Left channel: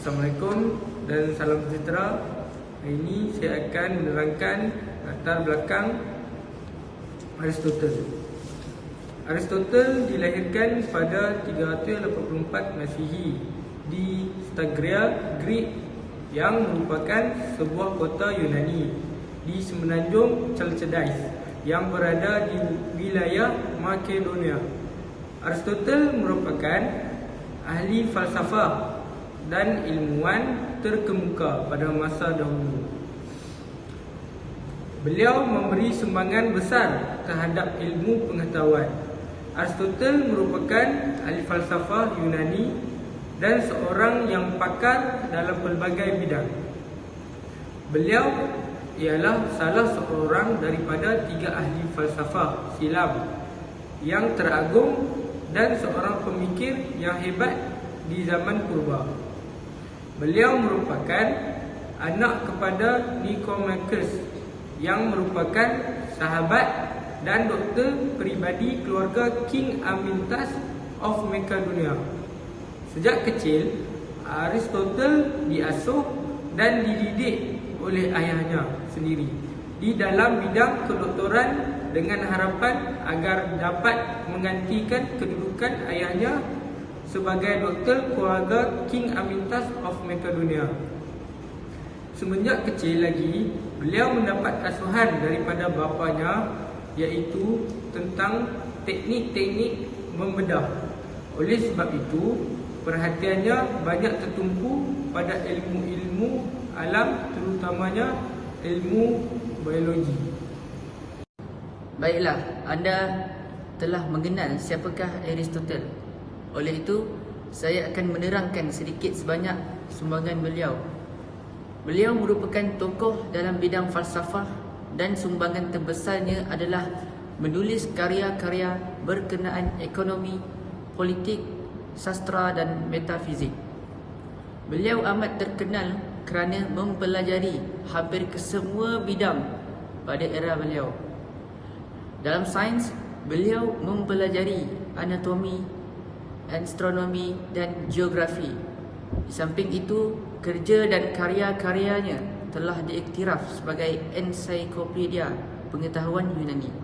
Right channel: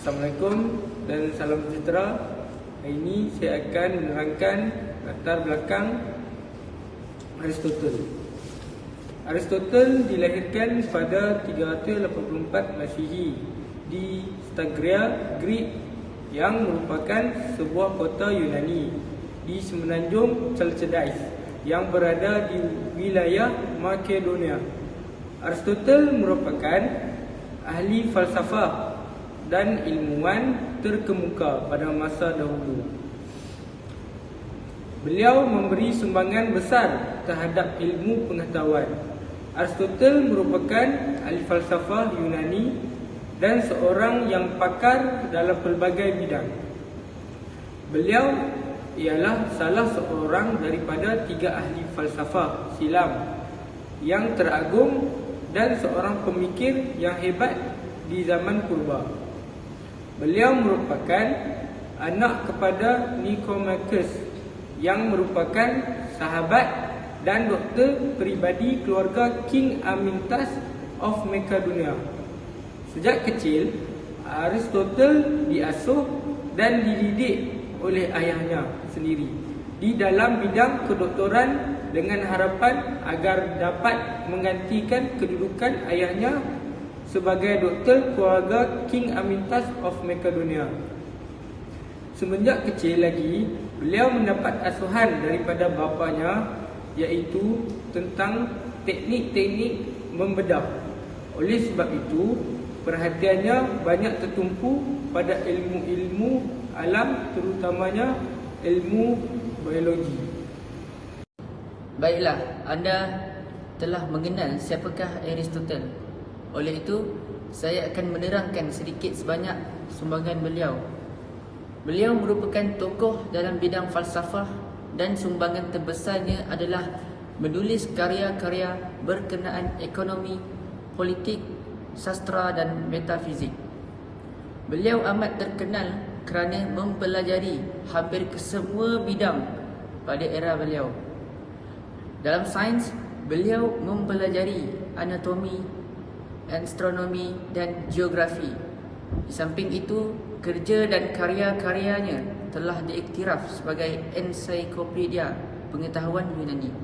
Assalamualaikum dan salam sejahtera. Hari ini saya akan menerangkan latar belakang Aristotle. Aristotle dilahirkan pada 384 Masihi di Stagria, Greek, yang merupakan sebuah kota Yunani di semenanjung Chalcidice yang berada di wilayah Makedonia. Aristotle merupakan ahli falsafah dan ilmuwan terkemuka pada masa dahulu. Beliau memberi sumbangan besar terhadap ilmu pengetahuan. Aristotle merupakan ahli falsafah Yunani dan seorang yang pakar dalam pelbagai bidang. Beliau ialah salah seorang daripada 3 ahli falsafah silam yang teragung dan seorang pemikir yang hebat di zaman purba. Beliau merupakan anak kepada Nicomachus yang merupakan sahabat dan doktor peribadi keluarga King Amyntas of Macedonia. Sejak kecil, Aristotle diasuh dan dididik oleh ayahnya sendiri di dalam bidang kedoktoran dengan harapan agar dapat menggantikan kedudukan ayahnya sebagai doktor keluarga King Amyntas of Macedonia. Semenjak kecil lagi, beliau mendapat asuhan daripada bapanya, iaitu tentang teknik-teknik membedah. Oleh sebab itu, perhatiannya banyak tertumpu pada ilmu-ilmu alam, terutamanya ilmu biologi. Baiklah, anda telah mengenal siapakah Aristotle. Oleh itu, saya akan menerangkan sedikit sebanyak sumbangan beliau. Beliau merupakan tokoh dalam bidang falsafah dan sumbangan terbesarnya adalah menulis karya-karya berkenaan ekonomi, politik, sastra dan metafizik. Beliau amat terkenal kerana mempelajari hampir kesemua bidang pada era beliau. Dalam sains, beliau mempelajari anatomi, astronomi dan geografi. Di samping itu, kerja dan karya-karyanya telah diiktiraf sebagai ensiklopedia pengetahuan Yunani.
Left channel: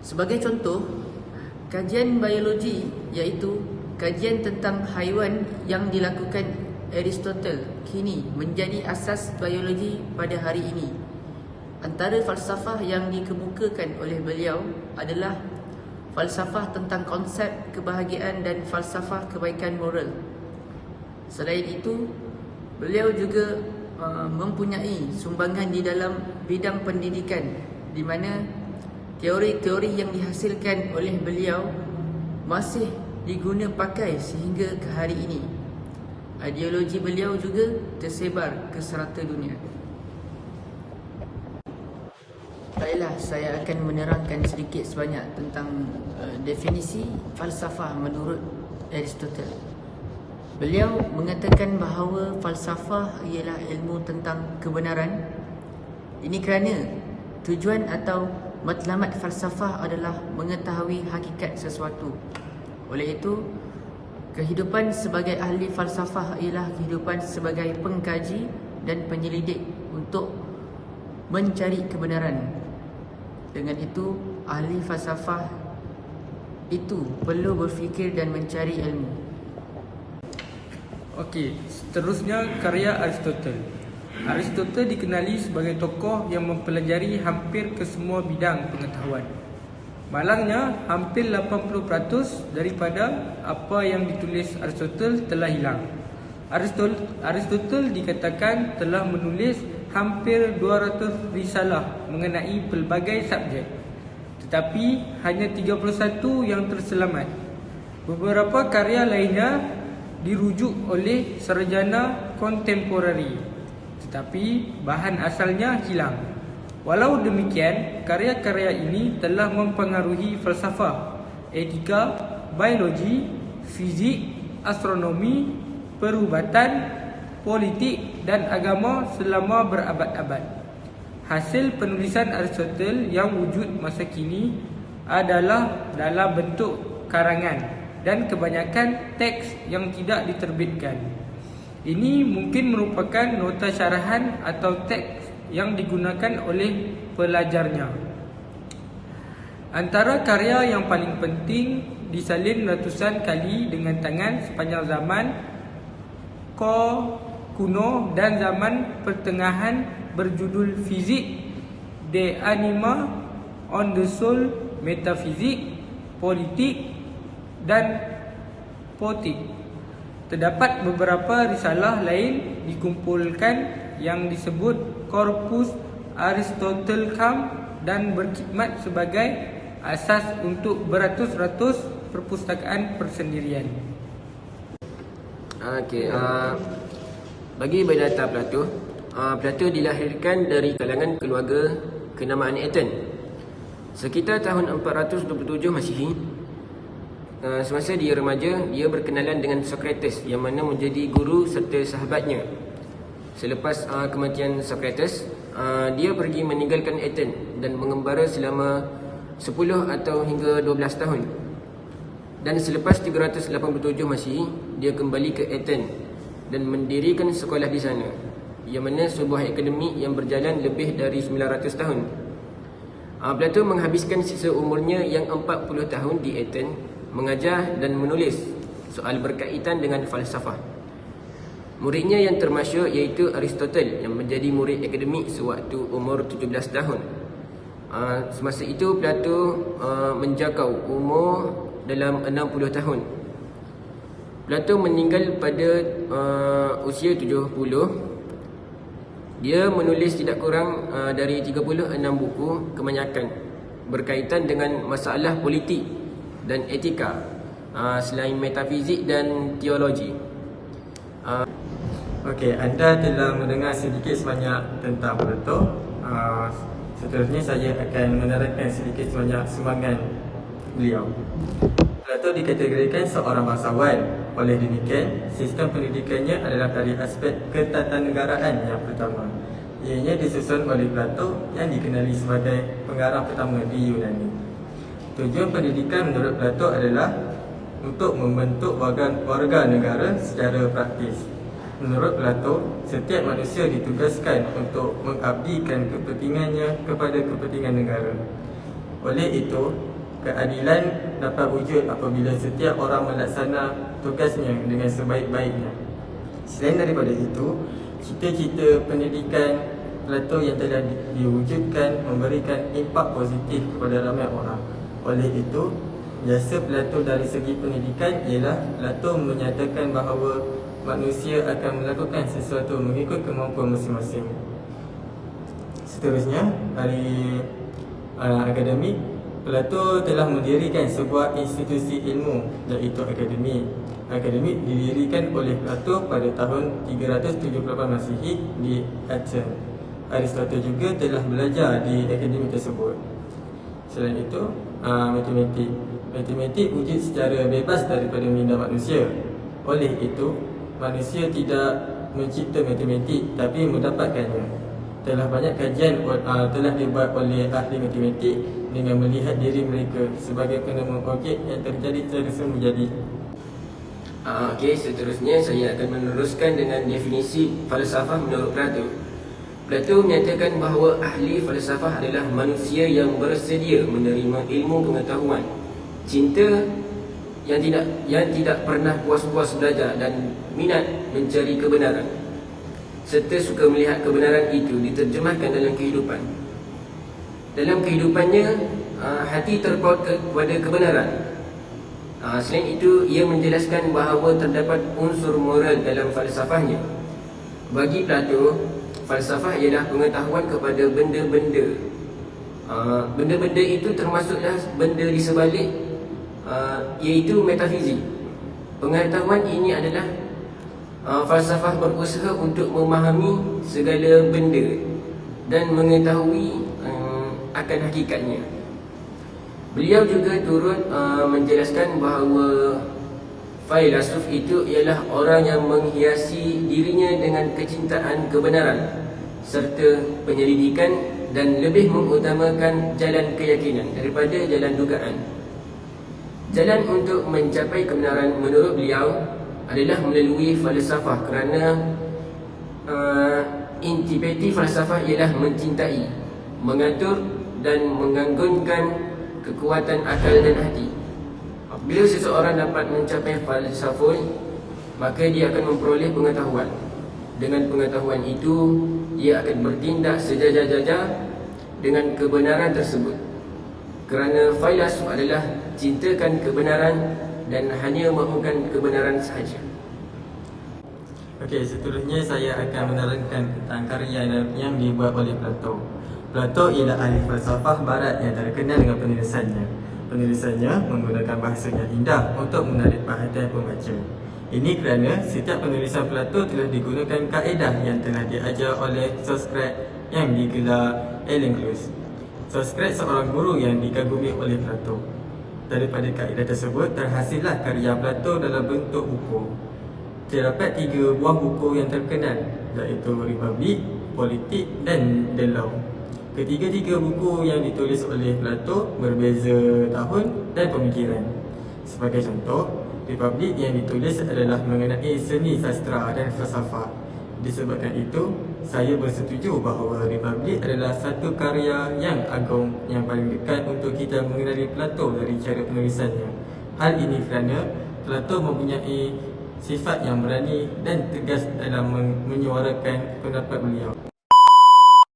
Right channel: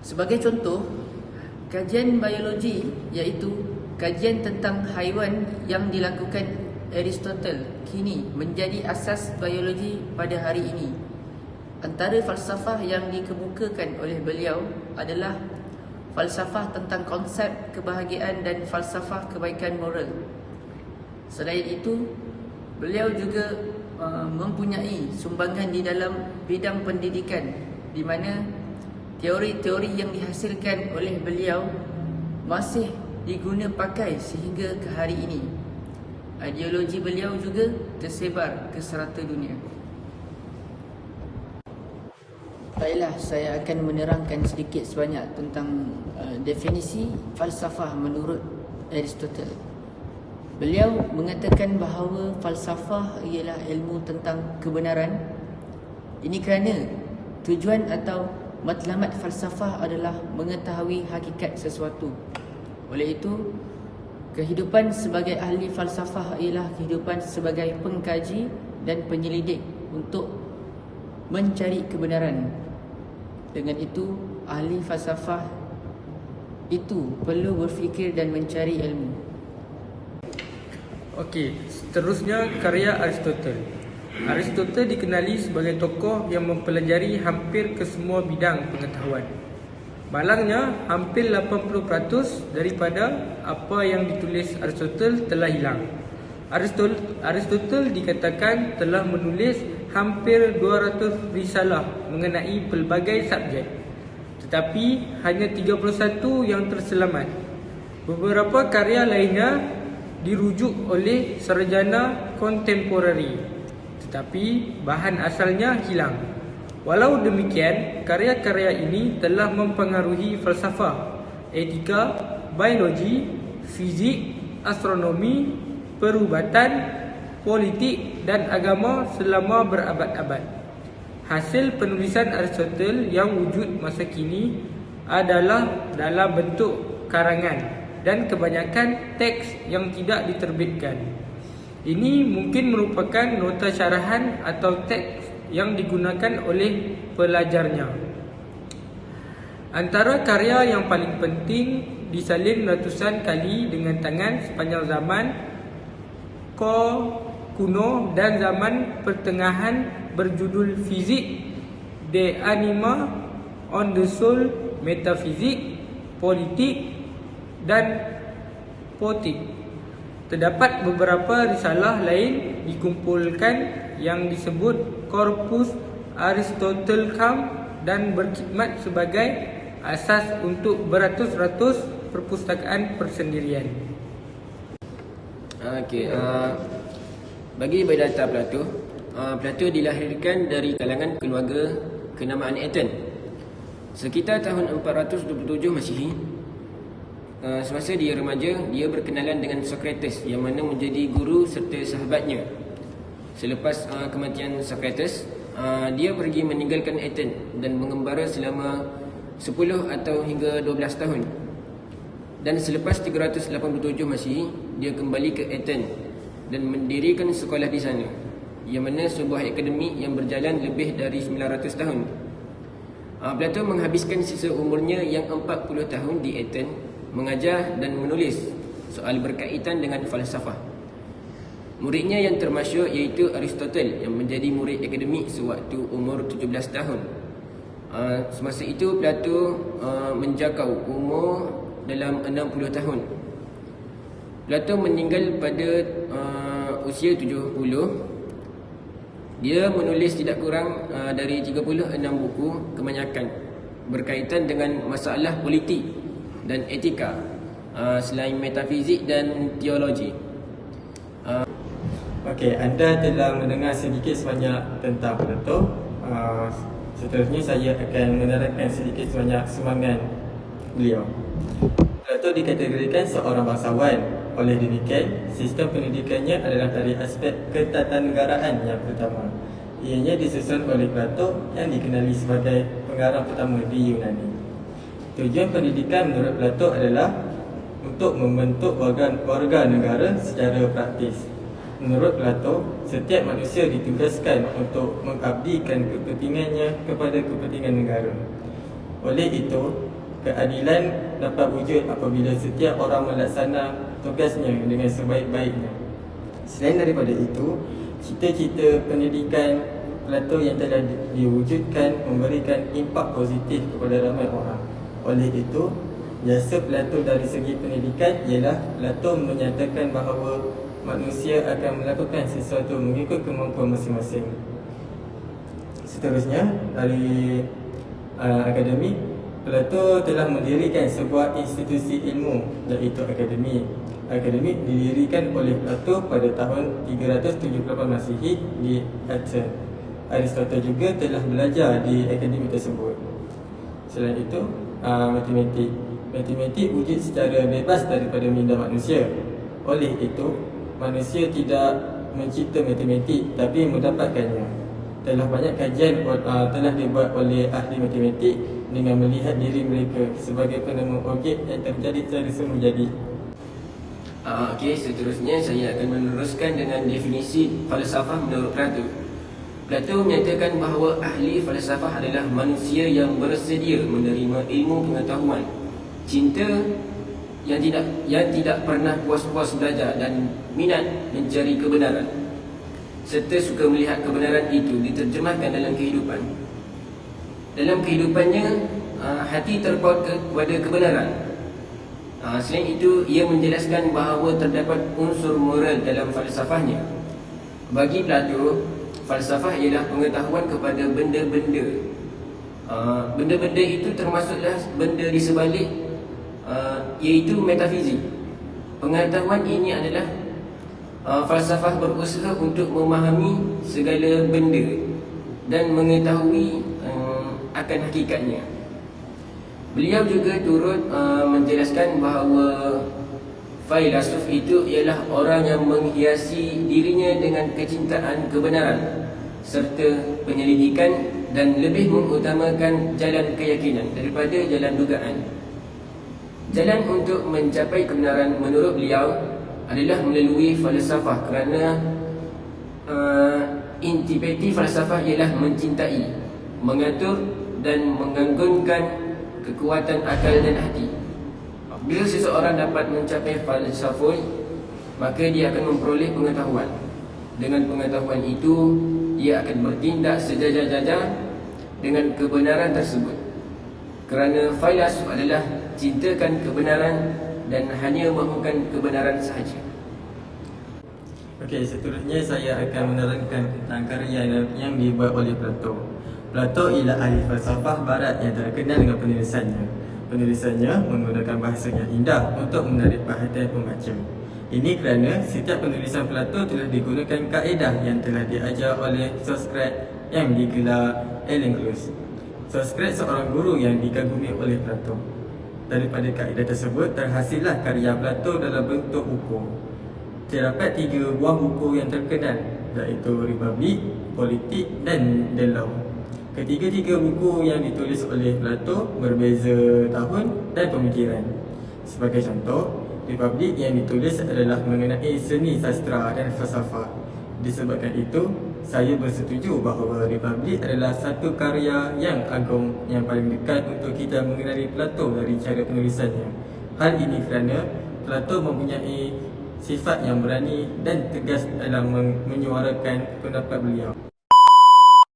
Sebagai contoh, kajian biologi iaitu kajian tentang haiwan yang dilakukan Aristotle kini menjadi asas biologi pada hari ini. Antara falsafah yang dikemukakan oleh beliau adalah falsafah tentang konsep kebahagiaan dan falsafah kebaikan moral. Selain itu, beliau juga mempunyai sumbangan di dalam bidang pendidikan, di mana teori-teori yang dihasilkan oleh beliau masih diguna pakai sehingga ke hari ini. Ideologi beliau juga tersebar ke serata dunia. Baiklah, saya akan menerangkan sedikit sebanyak tentang definisi falsafah menurut Aristotle. Beliau mengatakan bahawa falsafah ialah ilmu tentang kebenaran. Ini kerana tujuan atau matlamat falsafah adalah mengetahui hakikat sesuatu. Oleh itu, kehidupan sebagai ahli falsafah ialah kehidupan sebagai pengkaji dan penyelidik untuk mencari kebenaran. Dengan itu, ahli falsafah itu perlu berfikir dan mencari ilmu. Okey, seterusnya karya Aristotle. Aristotle dikenali sebagai tokoh yang mempelajari hampir ke semua bidang pengetahuan. Malangnya, hampir 80% daripada apa yang ditulis Aristotle telah hilang. Aristotle dikatakan telah menulis hampir 200 risalah mengenai pelbagai subjek, tetapi hanya 31 yang terselamat. Beberapa karya lainnya dirujuk oleh sarjana kontemporari, tetapi bahan asalnya hilang. Walau demikian, karya-karya ini telah mempengaruhi falsafah, etika, biologi, fizik, astronomi, perubatan, politik dan agama selama berabad-abad. Hasil penulisan Aristotle yang wujud masa kini adalah dalam bentuk karangan dan kebanyakan teks yang tidak diterbitkan. Ini mungkin merupakan nota syarahan atau teks yang digunakan oleh pelajarnya. Antara karya yang paling penting disalin ratusan kali dengan tangan sepanjang zaman kuno dan zaman pertengahan berjudul Fizik, De Anima, On the Soul, Metafizik, Politik dan Poetik. Terdapat beberapa risalah lain dikumpulkan yang disebut Corpus Aristotelicum dan berkhidmat sebagai asas untuk beratus-ratus perpustakaan persendirian. Bagi biodata Plato, Plato dilahirkan dari kalangan keluarga kenamaan Athens sekitar tahun 427 Masihi. Semasa dia remaja, dia berkenalan dengan Socrates yang mana menjadi guru serta sahabatnya. Selepas kematian Socrates, dia pergi meninggalkan Athens dan mengembara selama 10 atau hingga 12 tahun. Dan selepas 387 Masihi, dia kembali ke Athens dan mendirikan sekolah di sana, yang mana sebuah akademi yang berjalan lebih dari 900 tahun. Plato menghabiskan sisa umurnya yang 40 tahun di Athens mengajar dan menulis soal berkaitan dengan falsafah. Muridnya yang termasyhur iaitu Aristotle yang menjadi murid akademik sewaktu umur 17 tahun. Semasa itu Plato menjangkau umur dalam 60 tahun. Plato meninggal pada usia 70. Dia menulis tidak kurang dari 36 buku kebanyakan berkaitan dengan masalah politik dan etika, selain metafizik dan teologi. Okey, anda telah mendengar sedikit sebanyak tentang Plato. Seterusnya saya akan menerangkan sedikit sebanyak sumbangan beliau. Plato dikategorikan seorang bangsawan. Oleh demikian, sistem pendidikannya adalah dari aspek ketatanegaraan yang pertama. Ianya disusun oleh Plato yang dikenali sebagai pengarang pertama di Yunani. Tujuan pendidikan menurut Plato adalah untuk membentuk warga negara secara praktis. Menurut Plato, setiap manusia ditugaskan untuk mengabdikan kepentingannya kepada kepentingan negara. Oleh itu, keadilan dapat wujud apabila setiap orang melaksana tugasnya dengan sebaik-baiknya. Selain daripada itu, cita-cita pendidikan Plato yang telah diwujudkan memberikan impak positif kepada ramai orang. Oleh itu, jasa Plato dari segi pendidikan ialah Plato menyatakan bahawa manusia akan melakukan sesuatu mengikut kemampuan masing-masing. Seterusnya, dari akademik, Plato telah mendirikan sebuah institusi ilmu iaitu akademi. Akademi didirikan oleh Plato pada tahun 378 Masihi di Athens. Aristotle juga telah belajar di akademi tersebut. Selain itu, matematik. Matematik wujud secara bebas daripada minda manusia. Oleh itu, manusia tidak mencipta matematik tapi mendapatkannya. Telah banyak kajian telah dibuat oleh ahli matematik dengan melihat diri mereka sebagai penemu objek yang terjadi secara semula jadi. Seterusnya saya akan meneruskan dengan definisi falsafah menurut Plato. Plato menyatakan bahawa ahli falsafah adalah manusia yang bersedia menerima ilmu pengetahuan, cinta yang tidak pernah puas-puas belajar dan minat mencari kebenaran, serta suka melihat kebenaran itu diterjemahkan dalam kehidupan. Dalam kehidupannya, hati terpaut kepada kebenaran. Selain itu, ia menjelaskan bahawa terdapat unsur moral dalam falsafahnya. Bagi Plato, falsafah ialah pengetahuan kepada benda-benda. Benda-benda itu termasuklah benda di sebalik, iaitu metafizik. Pengetahuan ini adalah falsafah berusaha untuk memahami segala benda dan mengetahui akan hakikatnya. Beliau juga turut menjelaskan bahawa filsuf itu ialah orang yang menghiasi dirinya dengan kecintaan kebenaran serta penyelidikan dan lebih mengutamakan jalan keyakinan daripada jalan dugaan. Jalan untuk mencapai kebenaran menurut beliau adalah melalui falsafah, kerana intipati falsafah ialah mencintai, mengatur dan mengganggunkan kekuatan akal dan hati. Bila seseorang dapat mencapai falsafah, maka dia akan memperoleh pengetahuan. Dengan pengetahuan itu, dia akan bertindak sejajar-jajar dengan kebenaran tersebut. Kerana falasuf adalah cintakan kebenaran dan hanya mahukan kebenaran sahaja. Okey, seterusnya saya akan menerangkan tentang karya yang dibuat oleh Plato. Plato ialah ahli falsafah barat yang terkenal dengan penulisannya. Penulisannya menggunakan bahasa yang indah untuk menarik perhatian pembaca. Ini kerana setiap penulisan Plato telah digunakan kaedah yang telah diajar oleh Socrates yang digelar Elenglus. Socrates seorang guru yang dikagumi oleh Plato. Daripada kaedah tersebut terhasillah karya Plato dalam bentuk buku. Terdapat 3 buah buku yang terkenal, iaitu Republik, Politik dan The Law. Ketiga-tiga buku yang ditulis oleh Plato berbeza tahun dan pemikiran. Sebagai contoh, Republik yang ditulis adalah mengenai seni sastra dan falsafah. Disebabkan itu, saya bersetuju bahawa Republik adalah satu karya yang agung yang paling dekat untuk kita mengenali Plato dari cara penulisannya. Hal ini kerana Plato mempunyai sifat yang berani dan tegas dalam menyuarakan pendapat beliau.